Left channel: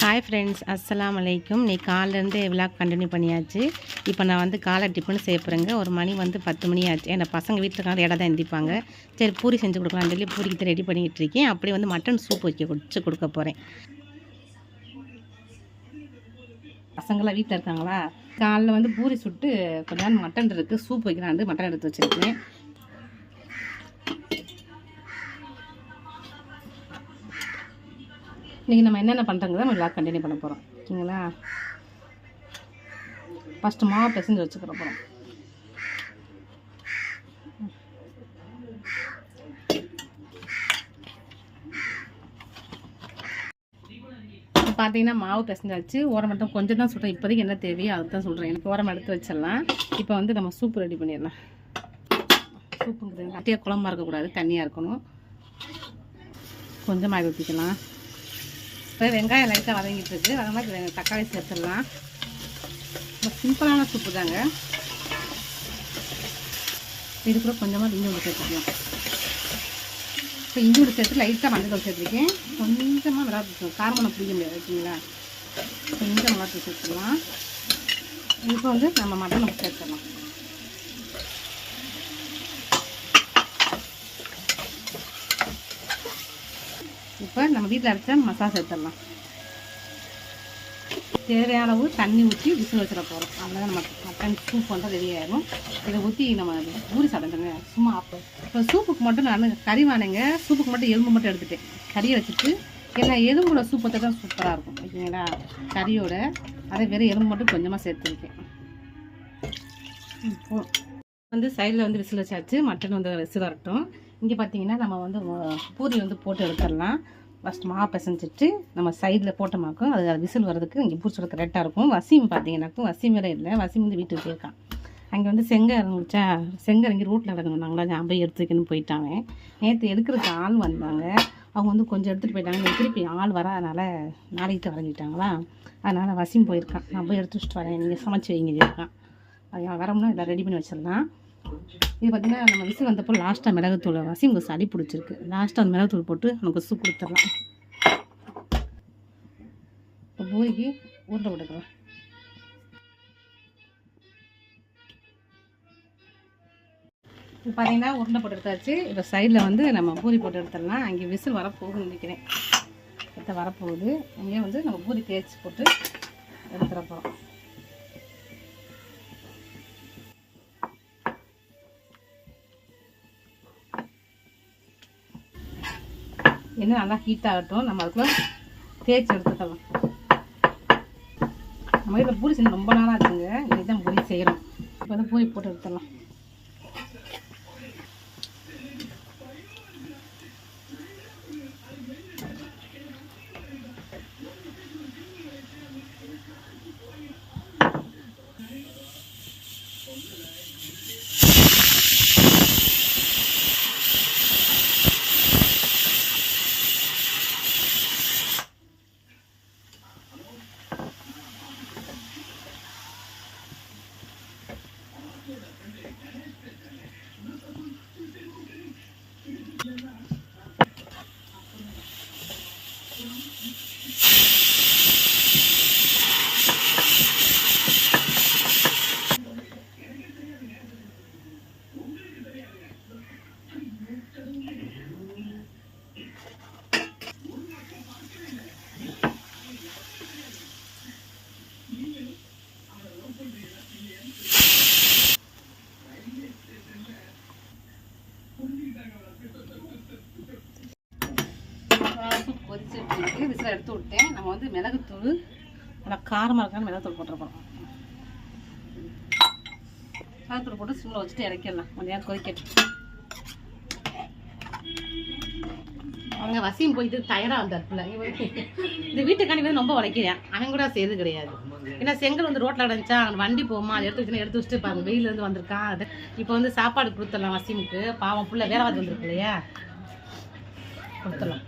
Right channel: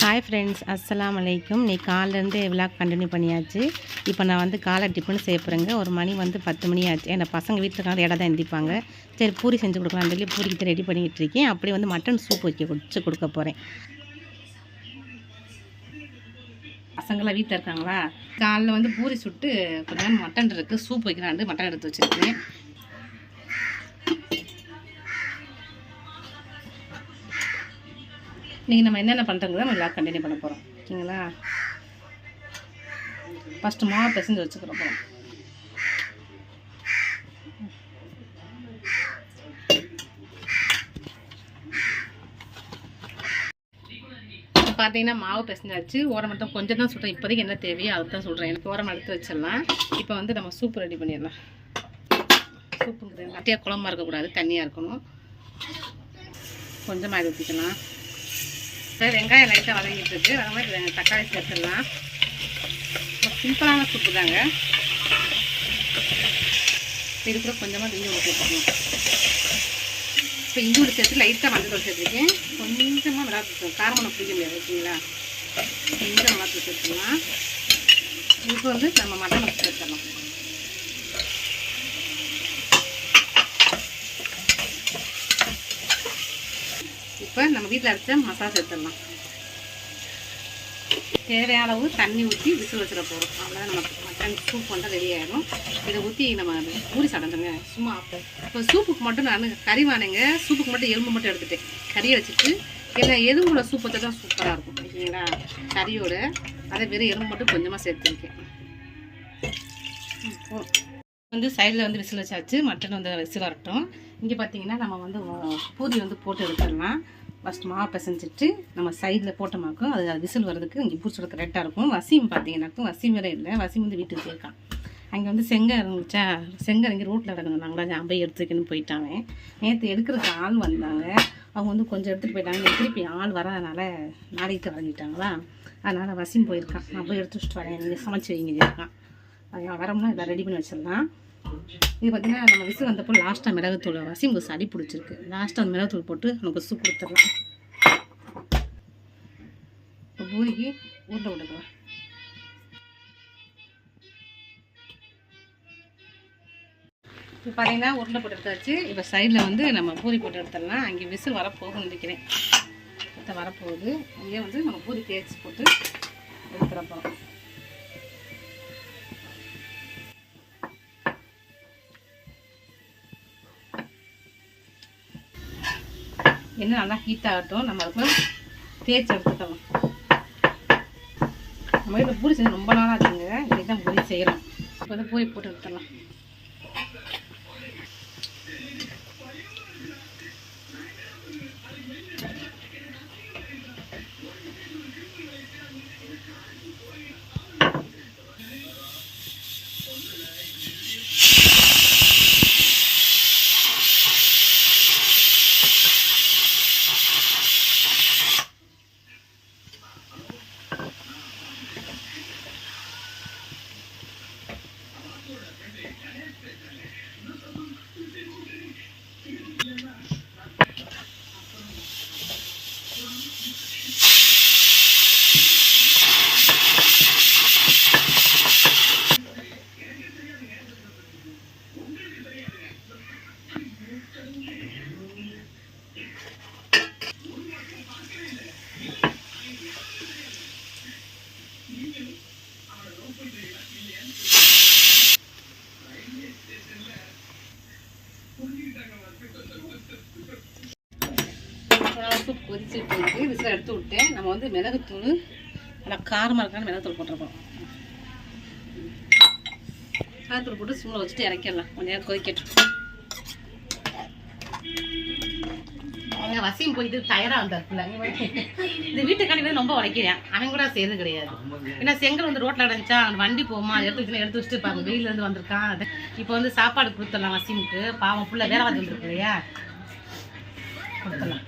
Hi friends அஸ்லாம் வலைக்கும் நீ காலிலேருந்து விழா கண்டினியூ பண்ணியாச்சு. இப்போ நான் வந்து காலை டிஃபன் செய்ய போகிறேங்க ஒரு மணி வந்து பத்து மணி ஆச்சு. ஏன்னா பசங்க வீட்டில் இருக்காங்க இடம் தான் எந்திப்பாங்க. சரி பூரி செஞ்சு கொடுக்கலாம்னு சொல்லி பூரிக்கு ரெடி பண்ணிக்கிட்டு இருக்கேன். அப்படியே வந்து மட்டன் சூப் வைக்க வச்சு கொடுக்க போகிறேன் பசங்களாம் வீட்டில் இருக்காங்களா? காலைல வந்து பூரி சுட்டு கொஞ்சம் மட்டன் இருக்குது சூப் வைக்கலான்னு மட்டன் எடுத்து வச்சுருக்கேன். இன்றைக்கி நம்ம என்னென்ன பண்ணுறோங்கிறத நம்ம எல்லாம் கண்டினியூ பண்ண போகிறோம் ஓகேங்களா ஃபஸ்ட்டு மாவு பிசைஞ்சு வச்சுக்கிற போகிறோம் இப்போ பார்த்தீங்கன்னா மாவு பிசைஞ்சாச்சு. ஓரம் மட்டும் கொஞ்சம் தான் சுட்டோம் இப்போதைக்கு என்ன தேவையோ அதை தான் சொல்கிறேன் எனக்கு ஓரம் எடுத்து வச்சிடலாம். இப்போ வந்து நம்ம சூப்பு ரெடி பண்ணிடலாம். சூப்புங்கிறது கட்டியாக குழம்பா இருக்கக்கூடாது. தண்ணியாக இருக்கணும். கொஞ்சமாக ஊற்றிக்கலாம் இப்போ வெங்காயம் லைட்டாக வதங்கிட்டு இருக்கு. அது மாதிரி தக்காளி சேர்த்துடலாம். சிம்பிளான சூப்பு தாங்க. இது கொஞ்சமாக இஞ்சி ஊற்றி சேர்த்துக்கலாம் இப்போ இஞ்சி ஊற்றி சேர்த்து லைட்டாக மஞ்சள் சேர்த்துருக்கேன். கொஞ்சமாக மிளகாத்தூள் காரமணம் பிடிக்க முடியாது ஓகேங்களா கொஞ்சம் மிளகாத்தூள் சேர்த்துக்கலாம் இதுக்கு வந்து நம்ம மட்டன் சேர்த்துடலாம். இப்போ நம்ம வீட்டில் அரைச்ச மசாலா சேர்த்துடலாம். தேவையான அளவு தண்ணி ஊற்றி விசில் வச்சிட போகிறோம் அதனால் நம்ம மட்டன் சூப் வந்து ரெடி ஆகிடும் இதை ஊற்றி நம்ம பூரி சாப்பிடுங்க சும்மா ஆஃப்டர் இப்போ சூப்புக்கு மட்டும் நான் கறி வானேங்க சூப்புக்கு மட்டும் எலும்பு மட்டும் எடுத்துட்டேன். கறியை வச்சுட்டு எல்லாம் எலும்புல சூப்பத்தை தான் சூப்பராக இருக்கும். ஓகேங்களா கறியோட அதே வெறும் எலும்பு மட்டும் கொஞ்சமாக சேர்த்துருக்கேன். இப்போ வந்து சைடில் வந்து விசில் வச்சாச்சு. மட்டன் வந்து விசில் வரட்டும். இங்கே பார்த்தீங்கன்னா நம்ம வந்து பூரி வந்து போட்டு எடுத்துடலாம். ஃபஸ்ட் மா பிசைஞ்சிட்டு நம்ம சைடில் போட்டோமாக்கும் அது விசில் வர்றதுக்கு இங்கே பூச்சி கரெக்டாக இருக்கும். வசீம் பார்த்தீங்கன்னாக்கும் வசீம் வேறு இல்லை. வசீம் வந்து வீட்டுக்கு போயிருக்கான். அங்கே வந்து செங்க இறங்குச்சா? செங்க இறங்கி ரோட்டில் இறங்குனாங்களா நான் போய் எடுத்துக்கன்னு போயிட்டாங்க நேற்று எடுக்கிறதுக்கு ஆள் வந்தாங்க. அவங்க வந்து கொஞ்சம் எடுத்துகிட்டு போயிட்டாங்க. திருப்பி ஆள் வராதனால நாளைக்கு வரைஞ்சிட்டாங்களா? அதனால் வசீம் போயிருக்கான். நான் போய் எடுத்து வச்சுட்டு வரேன். நீங்கள் சமைச்சு வைங்க இருக்கான். அது வரம்னா எல்லாம் ரெடி பண்ணி வச்சிடலாம். இது பார்த்திங்கன்னா நம்ம விசில் வந்தப்போ லாஸ்ட்டாக மிளகுத்தூள் வாசி உங்களுக்கு சளி பிடிச்சிருக்கு. லாஸ்ட்டாக அந்த மிளகுத்தூள் போட்டு நமக்கு சூப் கொடுத்துடலாம். இப்போ பூரிக்கு ஊட்ட விட்டுக்கலாம். இப்போ பார்த்தீங்கன்னா உருண்டை போட்டு எடுத்தாச்சு. இப்போ சைடில் வந்து நம்ம பூரி போட்டு எடுத்துடலாம். அங்கே விசில் வரப்போகும்னு நினைக்கிறேன். அடுத்த வரப்போகுது. அங்கேயே வந்து நம்ம பூரி தேய்ச்சி போட்டு எடுத்துட போகிறோம் என்ன நல்லா ஹீட் ஆகட்டும் நம்ம அதுக்குள்ள தேய்ச்சி எடுத்துக்கலாம். நம்ம வீட்டில் பூரி செஞ்சு ரொம்ப நாளாக இருக்குங்க இன்றைக்கி தான் பூரி செய்கிறோம் இப்போ தான் பூரி போட்டு எடுத்துடலாம் சூப் கொதிச்சுட்டு விசில் எடுத்து விட்டேன் நம்ம வந்து மிளகுத்தூள் நல்லா காரமாக இருக்கான்னு மிளகுத்தூள் போட்டிருக்கோம். மிளகுத்தூள் போட்டு சிம்மில் வச்சுட்டு இறக்கிடலாம். கொஞ்ச நேரம் கொதிக்கட்டும். அங்கே வசியம் போயிட்டு டயராக வந்தாருக்குள்ள. இந்த வீட்டுக்காண்டி வந்து ரொம்ப உடைக்கிறேன் அவன் கூட செய்யறது கிடையாது. ஏன்னா செங்கல் வந்து ரோட்டில் அடைஞ்சா வண்டி போகுமா? அதை எடுத்து வச்சு எடுத்து வச்சுட்டு பாருங்க. வெயிலேருந்து வந்திருக்கான் அது இப்போ வந்து சாப்பாடு கொடுத்துடலாம் வசிமுக்கு பாவம் ஃபுல்லாக வேலை வந்துருக்கு இல்லையா? கொடுத்துடலாம்.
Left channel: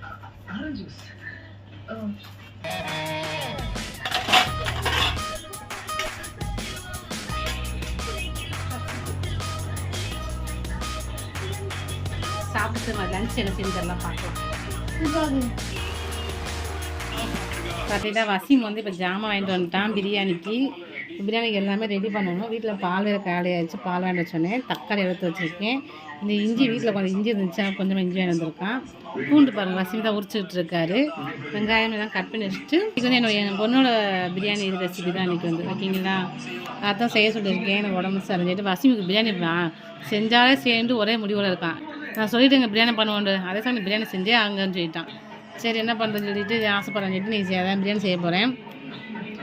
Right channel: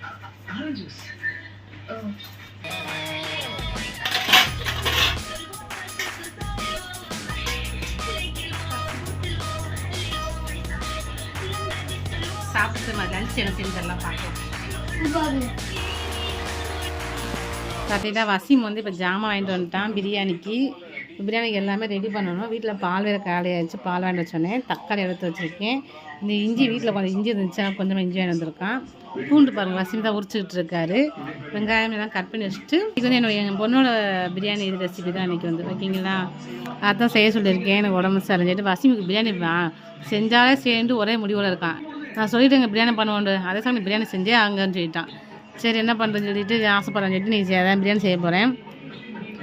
சாப்பிட்டு நான் லஞ்ச் என்ன செஞ்சிடலாம் பார்க்கலாம் பார்த்தீங்கன்னா வசீம் வந்து இப்போ ஜாமான் வாங்கிட்டு வந்துட்டான் பிரியாணிக்கு பிரியாணிக்கு எல்லாமே ரெடி பண்ணணும். வீட்டில் பால் வேறு காலையாகிடுச்சு பால் வேண்ட வச்சோன்னே தக்காளி எடுத்து வச்சுருக்கேன். இந்த இஞ்சி வீட்டில் கொஞ்சம் இஞ்சி இருந்துச்சு கொஞ்சமாக இஞ்சி வாங்கி வந்திருக்கான். பூண்டு பாருங்கள் வசீம் தான் உரிச்சுக்கிட்டு இருக்காரு. வெங்காயம் எல்லாம் கட் பண்ணி வச்சுட்டு இது வந்து என்னோட என் பொண்ணோட பிரியாணி இது ரெசிபி தான் இன்றைக்கி வந்து. ஓகேங்களா? அதான் செய்ய சொல்லியிருக்கேன். எனக்கு உடம்பு சரிஞ்சிட்டு வசீமுக்கு பிரியாணி செஞ்சாலே சேர்ந்து ஒரே முடிவில் இருக்கான். நான் சொல்லிட்டேங்க பிரியாணி பண்ணுவோண்டு அதே சமயம் பிரியாணி செஞ்சே அங்கேன்னு சொல்லிட்டான். சரி என்ன பண்ணுறேன்னு சொல்லிட்டு ஆசைப்படுறேன்னு சொல்லிட்டு நீ அதான் பிரியாணி செய்ய போகிறேன்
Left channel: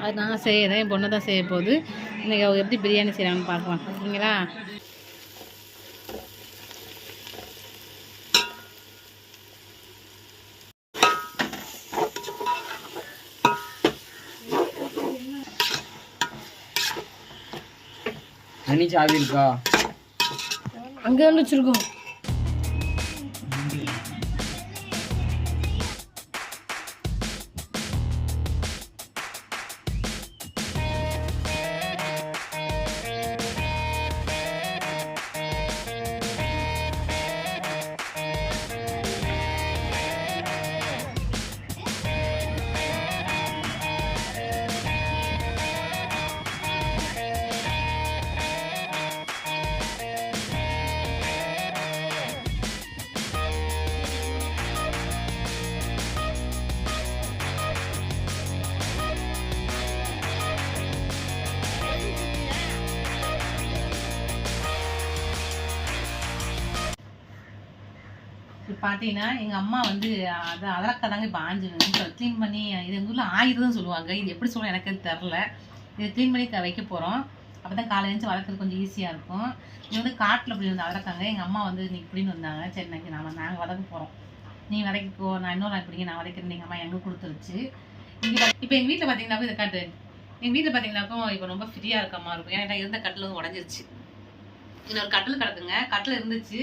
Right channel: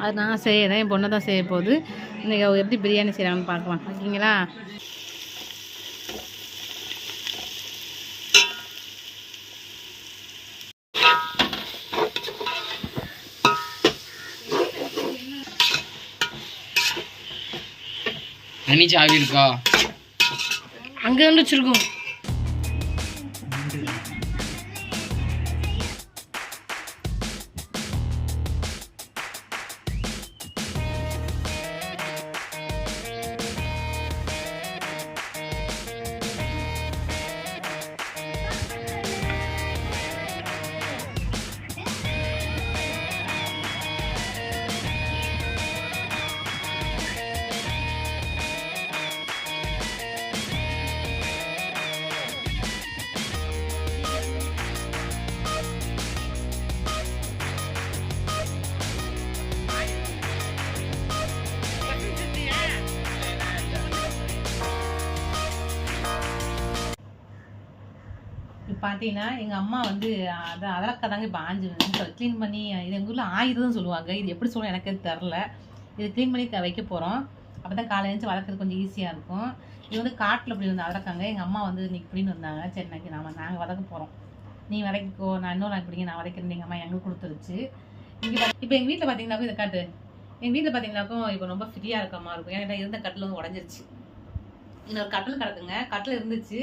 அது நான் செய்கிறேன் என் பொண்ணை தான் செய்ய போகுது. இன்றைக்கி அவள் எப்படி பிரியாணி செய்கிறாங்கன்னு பார்க்கலாம். ஓகேங்களா அனி சாவி இருக்கா அங்கே வந்து வச்சுருக்கோம். பார்த்தீங்கன்னா எங்கள் அம்மா வந்து அதை அதலக்காய் தாங்க இப்போ ஆஞ்சு க்ளீன் பண்ணி இது எங்கள் ஊரில் ஆயுதம் சொல்லுவாங்க. இது எப்படி சொல்ல எனக்கு அது தெரில. இது க்ளீன் பண்ணி வைக்க போகிறோம் அப்போ தான் காலை எழுந்து வளர்க்குறது கொஞ்சம் ஈஸியாக இருக்கும். இது வந்து காட்டில் இப்படி வந்து அதலக்காங்க. எங்கள் அம்மா வந்து இன்னைக்கு இப்படின்னு வந்தாங்க சரி நாங்கள் நான் நாங்கள் வளர்க்க போகிறோம் நீ வளைக்கோ நான் இன்னொரு நாள் பிடிங்க நான் வளைக்கிறேன் எங்கள் அம்மா எங்கே கொடுத்துருச்சு. இங்கே இப்போ எங்கள் வீட்டில் பார்த்தீங்கன்னாக்கும் இதை காட்டு. எங்கள் வீட்டில் பார்த்தீங்கன்னாக்கும் இப்போ ரொம்ப ஃப்ரீயாக இருக்க மாதிரி இருக்கும். ஏன்னா இருந்த கட்டில் வந்து உடஞ்சிருச்சு. இன்னொரு கட்டில் கிடக்குங்க. கட்டில் இருந்துச்சு.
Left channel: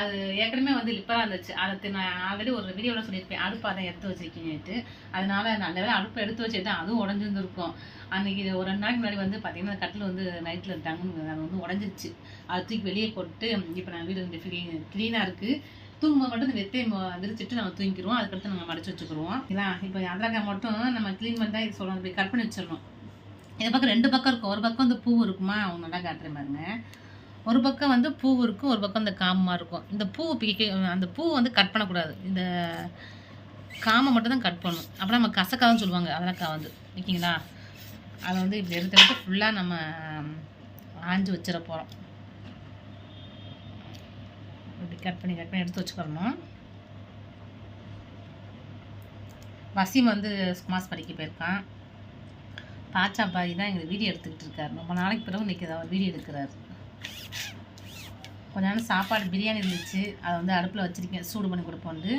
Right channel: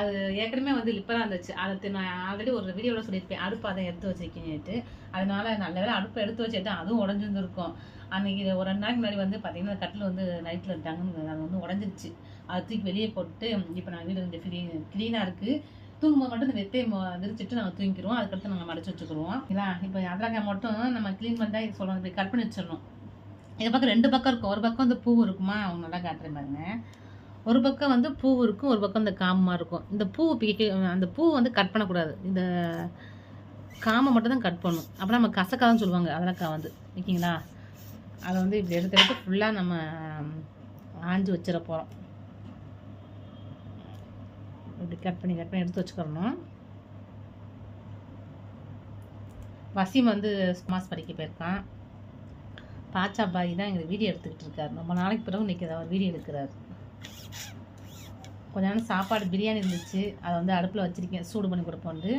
அது ஏற்கனவே வந்து லிப்பராக இருந்துச்சு. அதை நான் ஆல்ரெடி ஒரு வீடியோவில் சொல்லியிருப்பேன். அடுப்பு அதை எடுத்து வச்சிருக்கேன்ட்டு அதனால நல்ல வேளை அடுப்பை எடுத்து வச்சுட்டு அதுவும் உடஞ்சிருந்துருக்கும். அன்றைக்கி ஒரு ரெண்டு நாளைக்கு முன்னாடி வந்து பார்த்தீங்கன்னா கட்டில் வந்து நைட்டில் இருந்தாங்கன்னு அது வந்து உடஞ்சிருச்சு. அது தூக்கி வெளியே போட்டு இப்போ நான் வீடு வந்து க்ளீன் க்ளீனாக இருக்குது தூங்கும்போது மட்டும் இந்த வெத்தையை விரிச்சிட்டு நம்ம தூங்கிக்கிறோம். அதுக்கடுத்து நம்ம மடிச்சு வச்சுக்கிறோம் இல்லைங்களா இப்போ அதரக்காய் மட்டும் நம்ம க்ளீன் பண்ணிட்டா இது சொல்லணும் இப்படி கட் பண்ணி வச்சிடணும். இந்த பக்கம் ரெண்டு பக்கம் இருக்கும். ஒரு பக்கம் வந்து பூ இருக்குமா? அவங்க நல்லா காட்டுறேன் பாருங்க. ஒரு பக்கம் வந்து பூ இருக்கும் ஒரு பக்கம் இந்த காமமாக இருக்கும். இந்த பூ பிக்க அந்த பூ வந்து கட் பண்ணக்கூடாது. இந்த காமை மட்டும் தான் கட் பண்ணணும். அப்புறம் நம்ம கசக்கான்னு சொல்லுவாங்க அதலக்காய் வந்து. ஓகேங்களா? அதை வந்து இப்படி எடுத்து எடுத்து ஃபுல்லாக நம்ம ஆஞ்சு வச்சிட போகிறோம் இப்படி கட் பண்ணி கட் பண்ணி எடுத்து வச்சுக்கிறணும் வசீம் வந்து மாஸ் படிக்க போயிருக்கான். பாச்சா பாய் தான் எங்களுக்கு வீடியோ எடுத்துக்கிட்டு இருக்காரு. ரொம்ப நாளைக்கு பிறகு இன்னைக்கு அவர் வீடியோ எடுக்கிறாரு. கொஞ்ச நேரம் சாப்பாடு பிரியாணி இருந்துச்சு. அதை வந்து அடுப்பில் வச்சுருக்கேன். சூடு பண்ணி கொடுப்போம் வந்து